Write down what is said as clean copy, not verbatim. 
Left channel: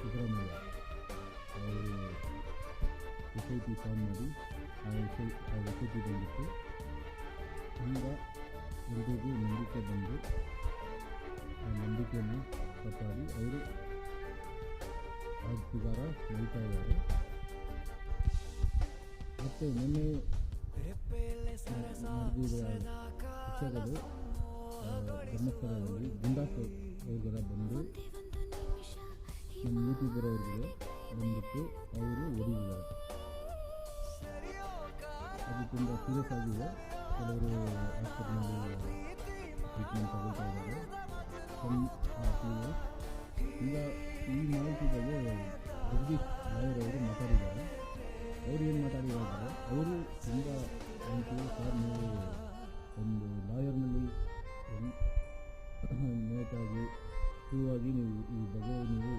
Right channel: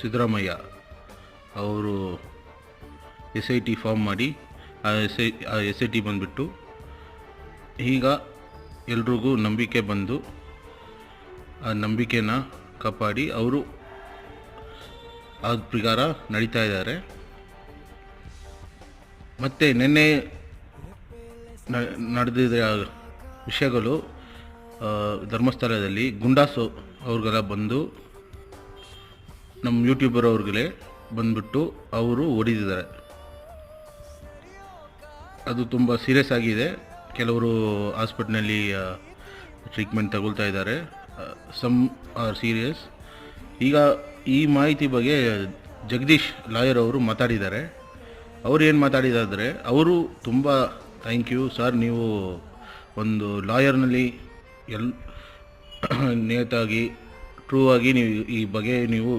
ಸಿದ್ದರಾಮಯ್ಯ ಅವರು SIT form ಮಾಡಿ ಆ SIT ಬಂದುಬಿಟ್ಟು ಈಗ ಎಲ್ರಿಗೂ ನಂಬಿಕೆ ಬಂದು ಆ ನಂಬಿಕೆನ ಕಾಪಾಡಿ ಅವರು ಆ ಪ್ರಕಾರ ನಡೀತಾ ಇದ್ದಾರೆ. ಮತ್ತು ನಿನ್ನೆ ನಡೆದಿದ್ದ ವಿಷಯಗಳು ಧರ್ಮಸ್ಥಳದಲ್ಲಿ ಗುಂಡಾಸು ಅವ್ರಿಗೆಲ್ಲ ಬಂದು ನಮ್ಮ ಯೂಟ್ಯೂಬರ್ ಅವ್ರಿಗೆ ಬಂದ್ಬಿಟ್ಟು ಅವರು ಹೊಡಿದಿದ್ದಾರೆ. ಅದು ತುಂಬ ಸೀರಿಯಸ್ ಆಗಿದೆ. ಕೆಲವರು ಹಾಸ್ಪಿಟ್ಲಲ್ಲಿ ಟ್ರೀಟ್ಮೆಂಟ್ ತಗೊಳ್ತಾ ಇದ್ದಾರೆ. Some are serious. ಈಗ ಈ ಮಾಹಿತಿ ಬಗ್ಗೆ ಜಗದೀಶ್ ಲಾಯರ್ ಅವರು ಮಾತಾಡಿದ್ದಾರೆ. ಅವರು ಏನು ಮಾತಾಡಿದಾದರೆ, ಅವರು ತುಂಬ ಥ್ಯಾಂಕ್ ಯು ಸರ್, ನೀವು ಒಂದು ಲಾಯರ್ನಲ್ಲಿ ನಿಯತಾಗಿ ಟ್ರೂ ಆಗಿ ನೀವು ಈ ಬಗ್ಗೆ ನೀವು